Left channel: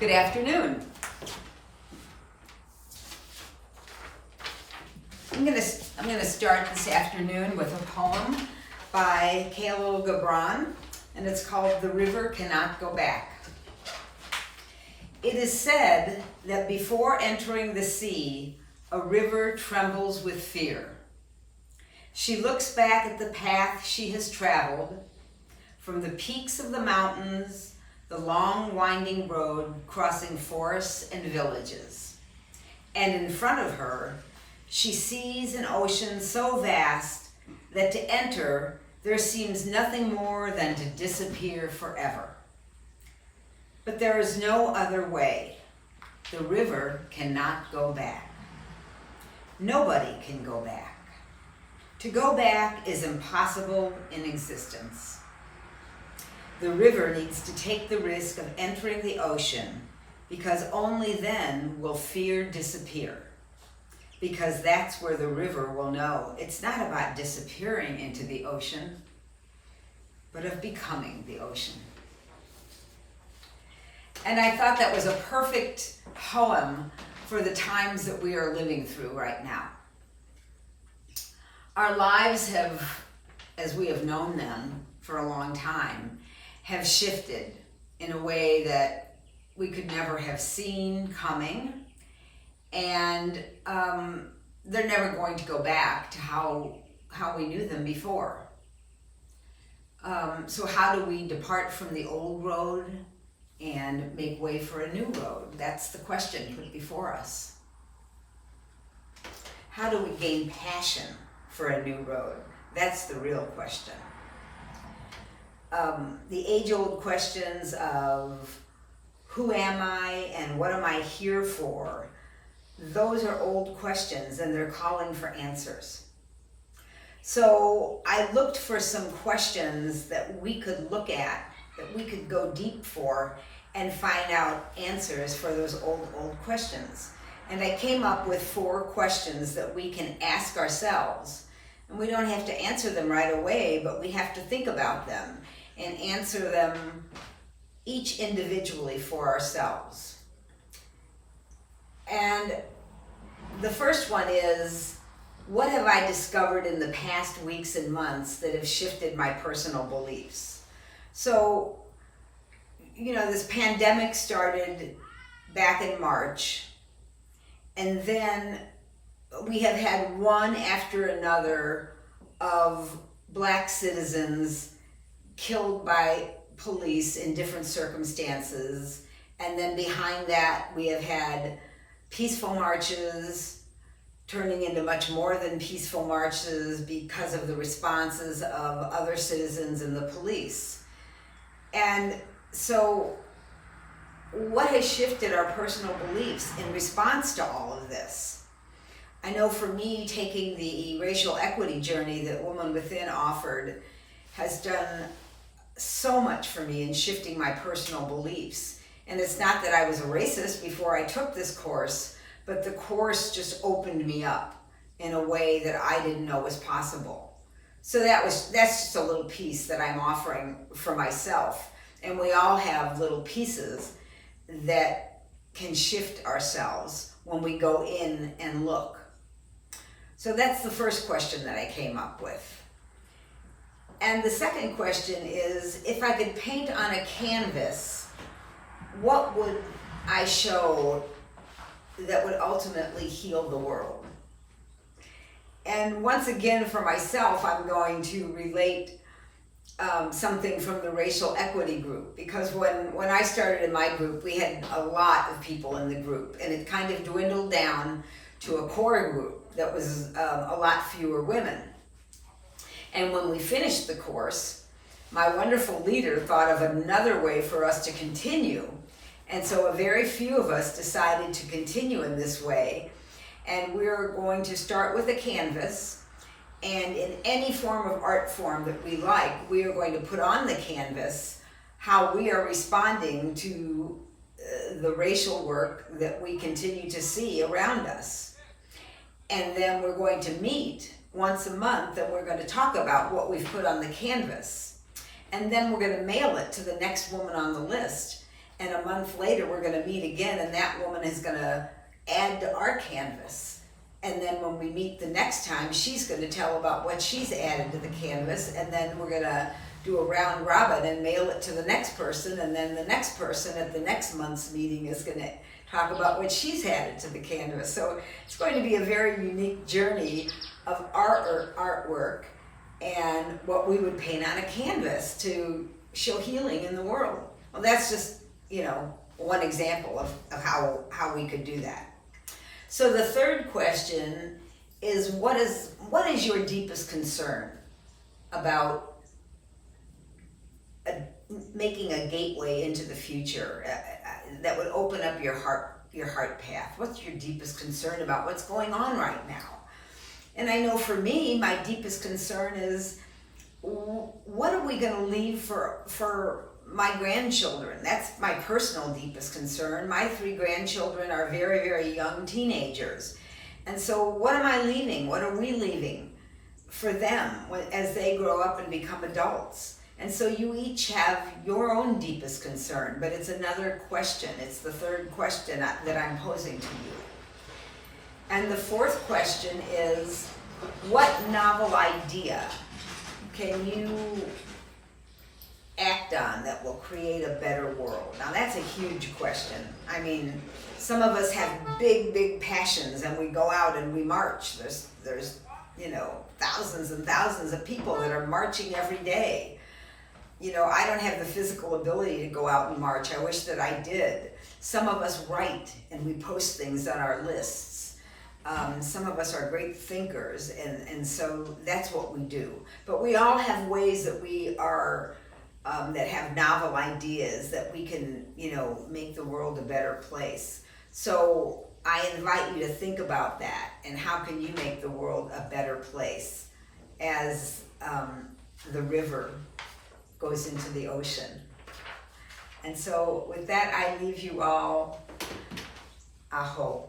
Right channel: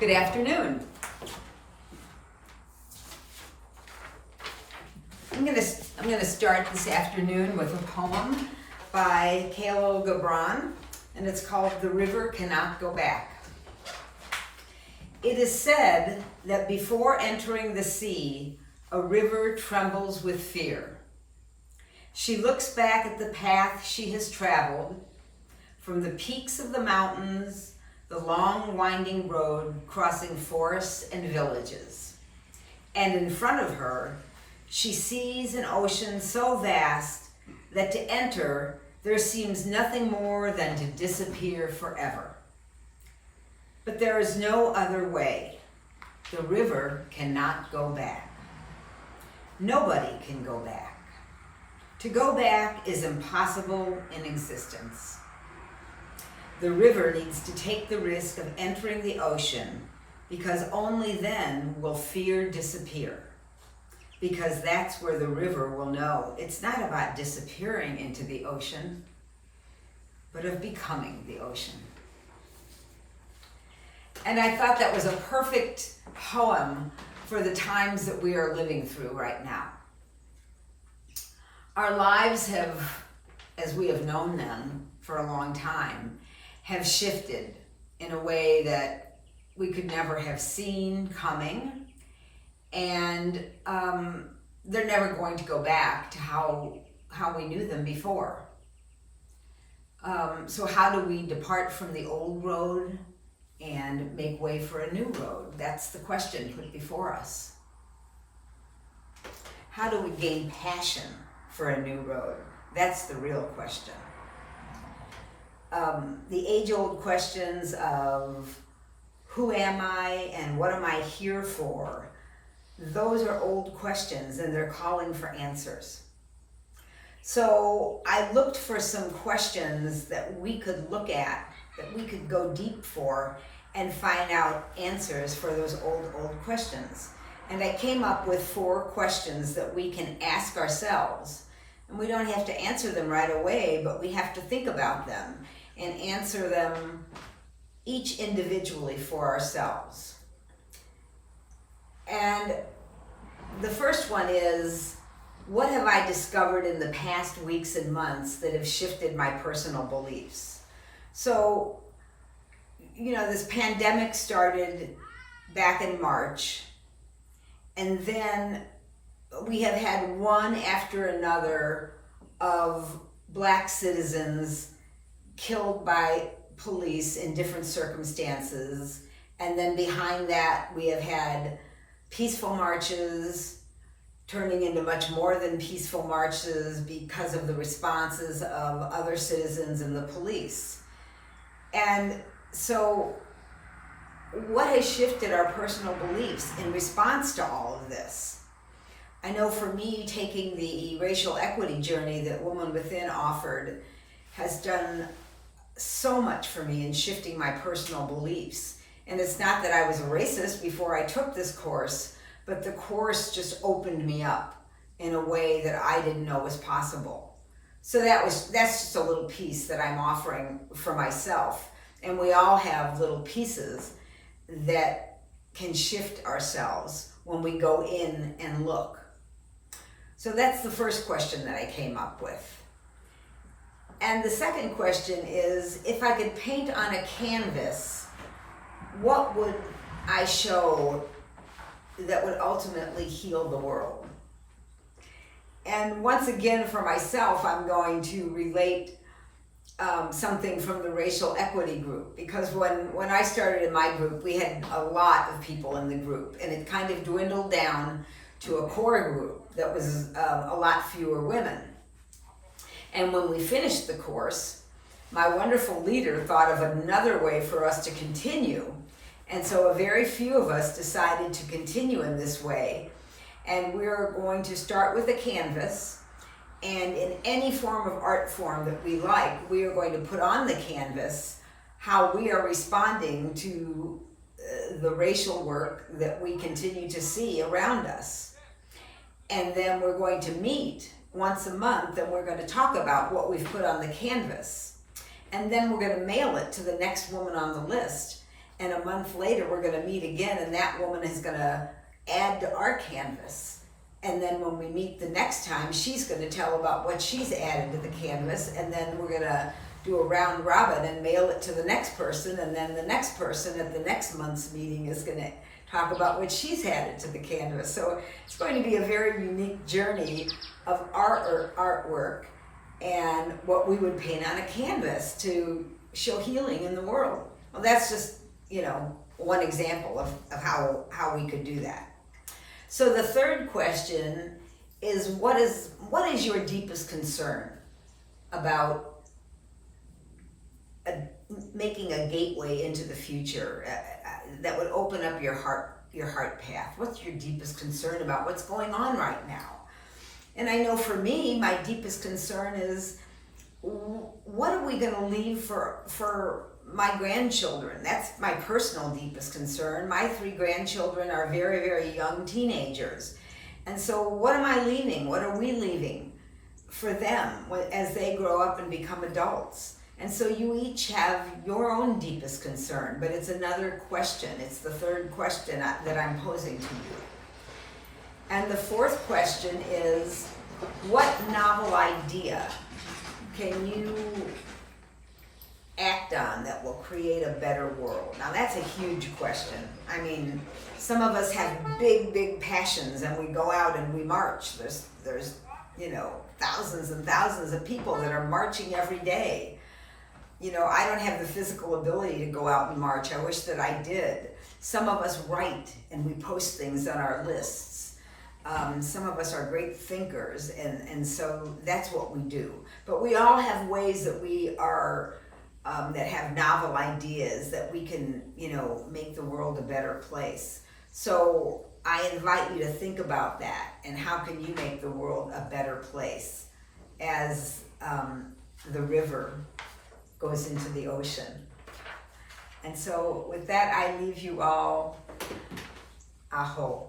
Good afternoon. I'm gonna start this afternoon with a poem by Khalil Gibran, and it's called "The River Cannot Go Back." It is said that before entering the sea, a river trembles with fear. She looks back at the path she has traveled, from the peaks of the mountains, the long winding road crossing forests and villages. And in front of her, she sees an ocean so vast that to enter, there seems nothing more than to disappear forever. But there is no other way. The river cannot go back. Nobody can go back. To go back is impossible in existence. The river needs to take the risk of entering the ocean, because only then will fear disappear. Because that's where the river will know it's not about disappearing into the ocean, but of becoming the ocean. And I thought that was a perfect poem for the times that we are living through right now. Our lives have, as we have known them for a long time, have shifted in a way that we could never have seen coming, and they're never going to go back to how we knew them before. So how do we depart from the old road and make way for a new road? That's the question put before us. How do we gain passion for a new road? That's the real question. The age-old questions of who am I and what am I here for, those are old questions and they're calling for answers. So I looked for some questions that we could look at, that we could go deep for and find out answers for those old questions. And I came up with 4 questions that we can ask ourselves. And we don't have to answer them right away, but we have to think about them and answer them each individually for ourselves. And the first one is, what have I discovered in the past weeks and months that have shifted my personal beliefs? So, this pandemic started back in March, and then we have had one after another of Black citizens killed by police in different circumstances. And then behind that, we have had peaceful marches turning into much more than peaceful marches because of the responses of other citizens and the police. And so what has shifted our personal beliefs in response to all of this? I know for me, taking the racial equity journey that Woman Within offered has done so much for me in shifting my personal beliefs. And it's not that I was a racist before I took this course, but the course just opened me up in a way that I didn't know was possible. So that's just a little piece that I'm offering for myself. And we all have little pieces that can shift ourselves when we go in and look. So that's the first question that I came up with. And the second question is, if I could paint on a canvas, what would I show that would ultimately heal the world? And once again, for myself, I'm going to relate something from the racial equity group, because when I started in my group, we had a lot of people in the group, and it kind of dwindled down to a core group that was a lot fewer women. And when we finished the course, my wonderful leader thought of another way for us to continue. And so a very few of us decided to continue in this way. And we're going to start with a canvas, and in any form of art form that we like, we are going to put on the canvas how we are responding to the racial work that we continue to see around us. And then we're going to meet once a month, and we're going to talk about what we've put on the canvas. And then we're going to mail it to the next woman on the list. And a month later, we're going to meet again, and that woman is going to add to our canvas. And then when we meet the next time, she's going to tell about what she's added to the canvas, and then we're going to do a round robin and mail it to the next person, and then the next person at the next month's meeting is going to talk about what she's added to the canvas. So it's going to be a very unique journey of our artwork and what we would paint on a canvas to show healing in the world. Well, that's just, one example of how we could do that. So the third question is, what is your deepest concern about making a gateway into the future that would open up your heart path? What's your deepest concern about what's going on right now? And I know for me, my deepest concern is, what are we going to leave for my grandchildren? That's my personal deepest concern. My 3 grandchildren are very, very young teenagers. And so what am I leaving? What are we leaving for them as they grow up and become adults? And so you each have your own deepest concern, but it's another question. It's the third question that I'm posing to you. And the fourth question is, what novel idea can you act on that will create a better world? Now that's a huge question. I mean, some of us have big passions and we go out and we march. There's thousands and thousands of people that are marching every day. I don't have the physical ability to go out and march. I wish that I did. Some of us write and we post things on our lists. Some of us are great thinkers, and so that's what we do. But we all have ways that we are, that have novel ideas that we can, make the world a better place. So I invite you to think about that, and how can you make the world a better place as the river goes into the ocean. And so with that, I leave you all. Aho.